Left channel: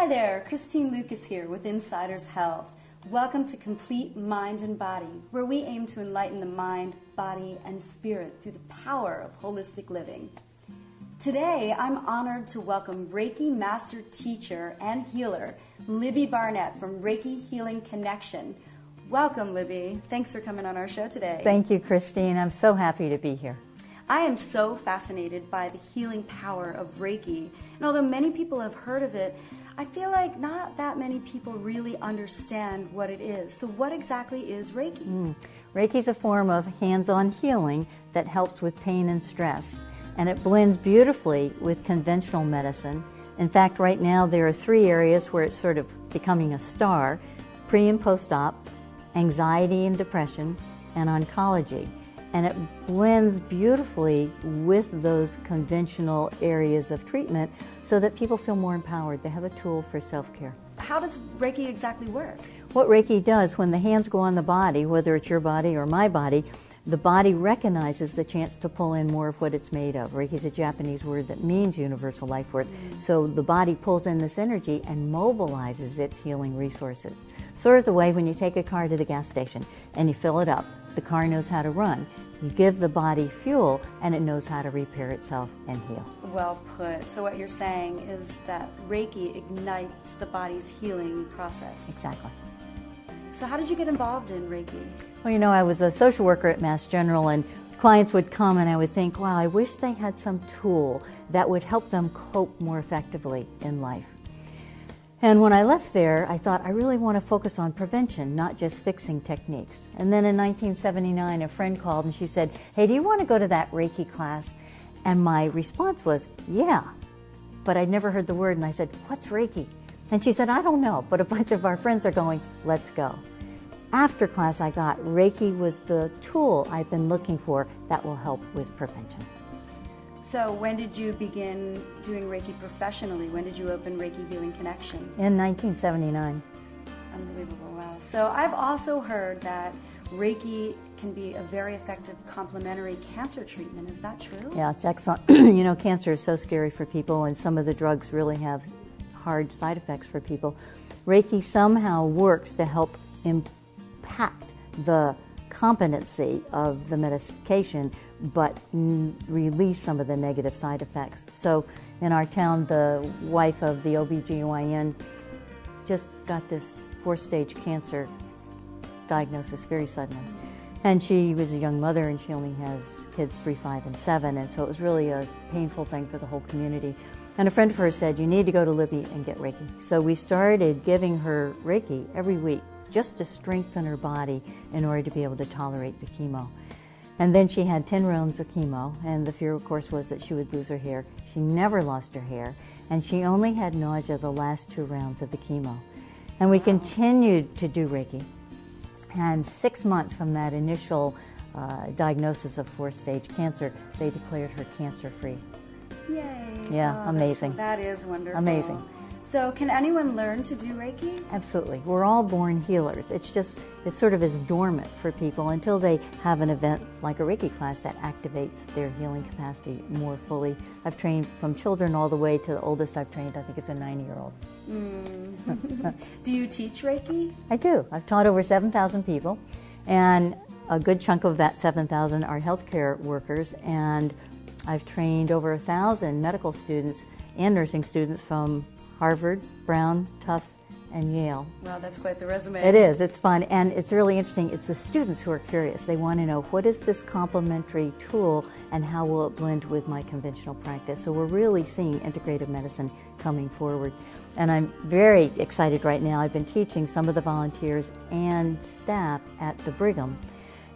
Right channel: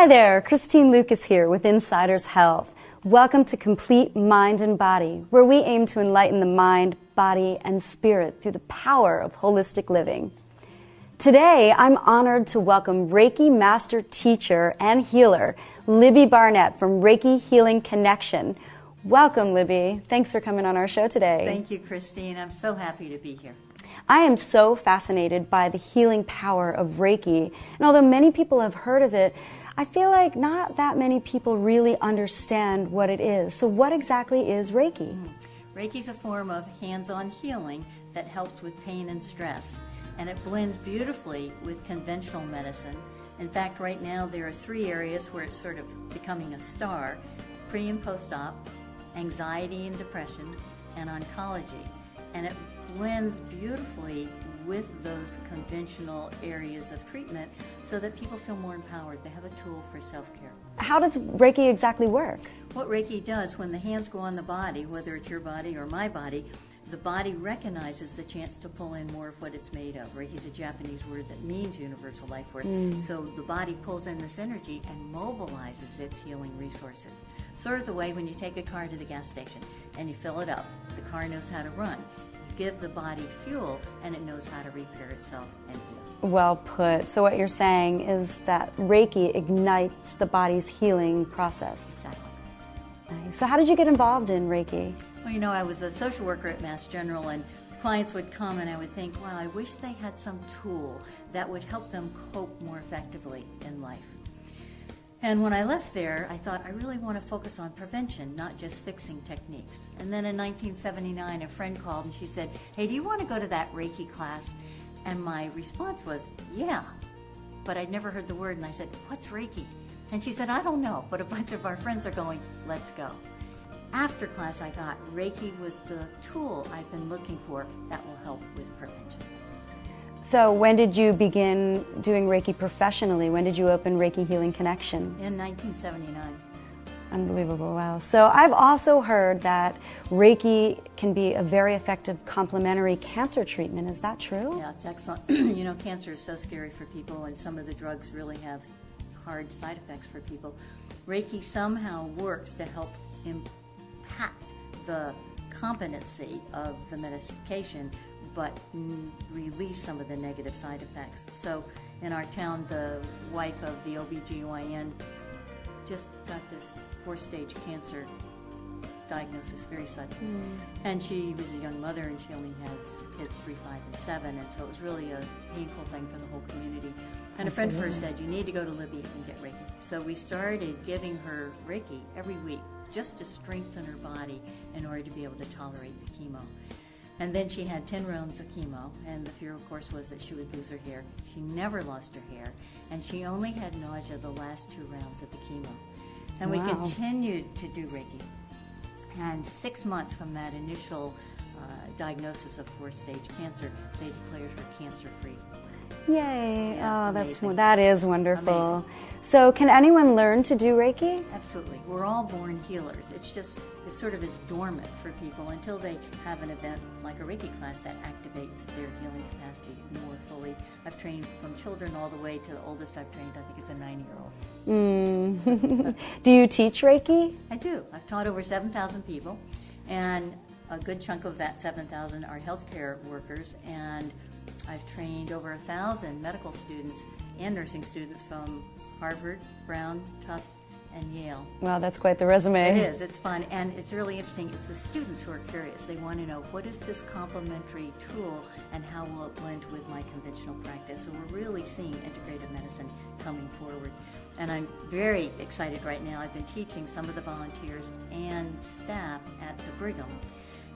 Hi there, Christine Lucas here with Insider's Health. Welcome to Complete Mind and Body, where we aim to enlighten the mind, body, and spirit through the power of holistic living. Today, I'm honored to welcome Reiki Master Teacher and Healer, Libby Barnett from Reiki Healing Connection. Welcome, Libby. Thanks for coming on our show today. Thank you, Christine. I'm so happy to be here. I am so fascinated by the healing power of Reiki, and although many people have heard of it, I feel like not that many people really understand what it is. So what exactly is Reiki? Reiki is a form of hands-on healing that helps with pain and stress, and it blends beautifully with conventional medicine. In fact, right now there are 3 areas where it's sort of becoming a star: pre- and post-op, anxiety and depression, and oncology. And it blends beautifully with those conventional areas of treatment so that people feel more empowered. They have a tool for self-care. How does Reiki exactly work? What Reiki does, when the hands go on the body, whether it's your body or my body, the body recognizes the chance to pull in more of what it's made of. Reiki is a Japanese word that means universal life force. So the body pulls in this energy and mobilizes its healing resources. Sort of the way when you take a car to the gas station and you fill it up, the car knows how to run. You give the body fuel and it knows how to repair itself and heal. Well put. So what you're saying is that Reiki ignites the body's healing process. Exactly. So how did you get involved in Reiki? Well, you know, I was a social worker at M.S.W, and clients would come and I would think, wow, I wish they had some tool that would help them cope more effectively in life. And when I left there, I thought, I really want to focus on prevention, not just fixing techniques. And then in 1979, a friend called and she said, hey, do you want to go to that Reiki class? And my response was, yeah. But I'd never heard the word, and I said, what's Reiki? And she said, I don't know, but a bunch of our friends are going, let's go. After class, I got Reiki was the tool I've been looking for that will help with prevention. So when did you begin doing Reiki professionally? When did you open Reiki Healing Connection? In 1979. Unbelievable, wow. So I've also heard that Reiki can be a very effective complementary cancer treatment. Is that true? Yeah, it's excellent. You know, cancer is so scary for people, and some of the drugs really have hard side effects for people. Reiki somehow works to help impact the competency of the medication, but release some of the negative side effects. So in our town, the wife of the OBGYN just got this 4-stage cancer diagnosis very suddenly. And she was a young mother, and she only has kids 3, 5, and 7, and so it was really a painful thing for the whole community. And a friend of hers said, you need to go to Libby and get Reiki. So we started giving her Reiki every week just to strengthen her body in order to be able to tolerate the chemo. And then she had 10 rounds of chemo, and the fear, of course, was that she would lose her hair. She never lost her hair, and she only had nausea the last 2 rounds of the chemo. And we continued to do Reiki. And 6 months from that initial diagnosis of 4-stage cancer, they declared her cancer-free. Yay. Yeah, amazing. That is wonderful. Amazing. So can anyone learn to do Reiki? Absolutely. We're all born healers. It's just, it sort of is dormant for people until they have an event like a Reiki class that activates their healing capacity more fully. I've trained from children all the way to the oldest I've trained, I think it's a 90-year-old. Do you teach Reiki? I do. I've taught over 7,000 people, and a good chunk of that 7,000 are healthcare workers, and I've trained over 1,000 medical students and nursing students from Harvard, Brown, Tufts, and Yale. Wow, that's quite the resume. It is. It's fun, and it's really interesting. It's the students who are curious. They want to know, what is this complementary tool, and how will it blend with my conventional practice? So we're really seeing integrative medicine coming forward. And I'm very excited right now. I've been teaching some of the volunteers and staff at the Brigham,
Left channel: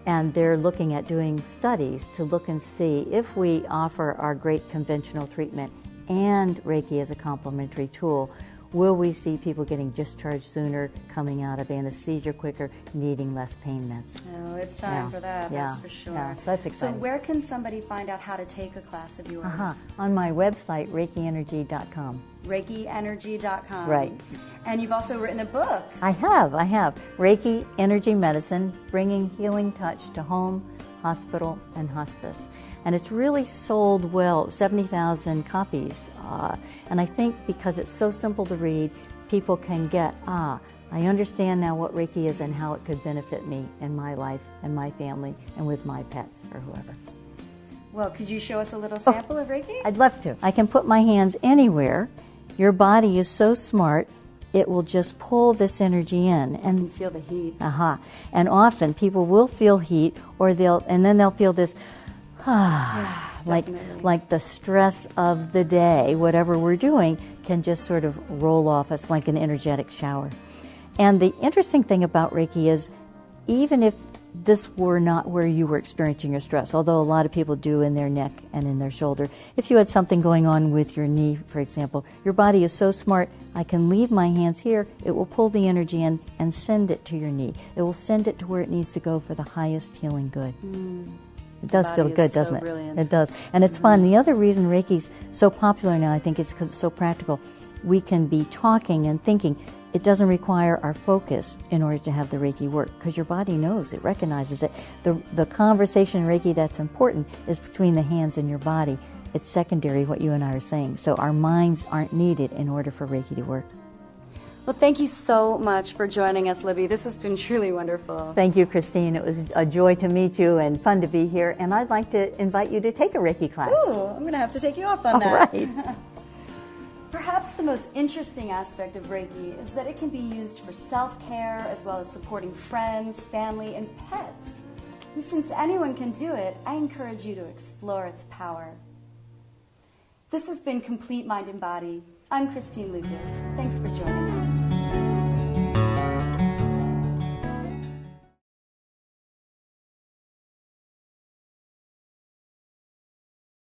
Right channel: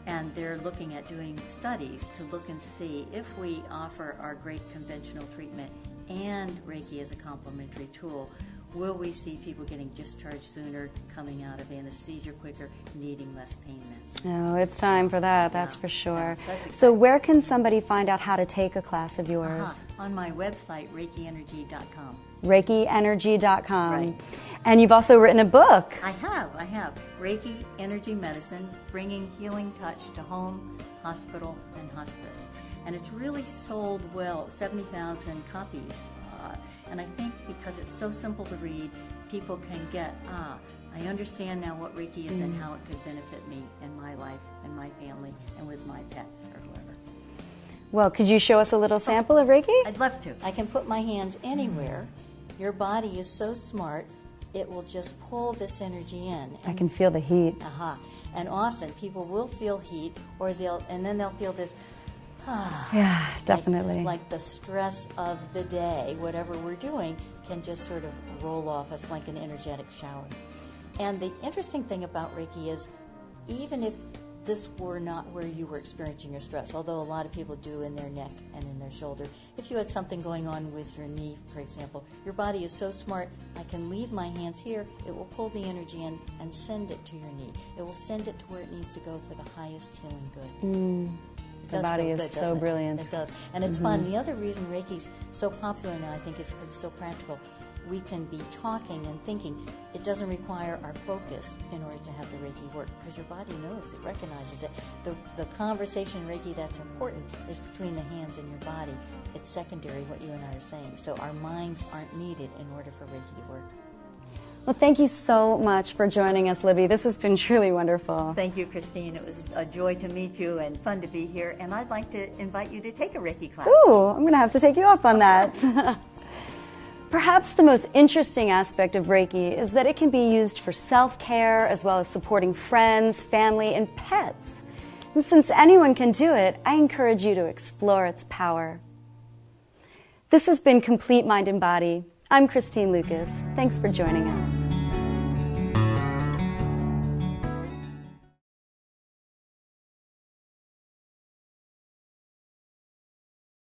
and they're looking at doing studies to look and see if we offer our great conventional treatment and Reiki as a complementary tool, will we see people getting discharged sooner, coming out of anesthesia quicker, needing less pain meds? Oh, it's time for that, that's for sure. Yeah, so that's exciting. So where can somebody find out how to take a class of yours? On my website, ReikiEnergy.com. ReikiEnergy.com. Right. And you've also written a book. I have. Reiki Energy Medicine, Bringing Healing Touch to Home, Hospital, and Hospice. And it's really sold well, 70,000 copies. And I think because it's so simple to read people can get, I understand now what Reiki is and how it could benefit me in my life and my family and with my pets or whoever. Well, could you show us a little sample of Reiki? I'd love to. I can put my hands anywhere. Your body is so smart, it will just pull this energy in. I can feel the heat. And often people will feel heat, or then they'll feel this, yeah, definitely. Like the stress of the day, whatever we're doing, can just sort of roll off us like an energetic shower. And the interesting thing about Reiki is, even if this were not where you were experiencing your stress, although a lot of people do in their neck and in their shoulder, if you had something going on with your knee, for example, your body is so smart, I can leave my hands here, it will pull the energy in and send it to your knee. It will send it to where it needs to go for the highest healing good. It does feel good, doesn't it? Brilliant. It does. And it's fun. The other reason Reiki's so popular now, I think, is because it's so practical. We can be talking and thinking. It doesn't require our focus in order to have the Reiki work, because your body knows, it recognizes it. The conversation in Reiki that's important is between the hands and your body. It's secondary, what you and I are saying. So our minds aren't needed in order for Reiki to work. Well, thank you so much for joining us, Libby. This has been truly wonderful. Thank you, Christine. It was a joy to meet you and fun to be here. And I'd like to invite you to take a Reiki class. Ooh, I'm going to have to take you up on that. Right. Perhaps the most interesting aspect of Reiki is that it can be used for self-care as well as supporting friends, family, and pets. And since anyone can do it, I encourage you to explore its power. This has been Complete Mind and Body. I'm Christine Lucas. Thanks for joining us.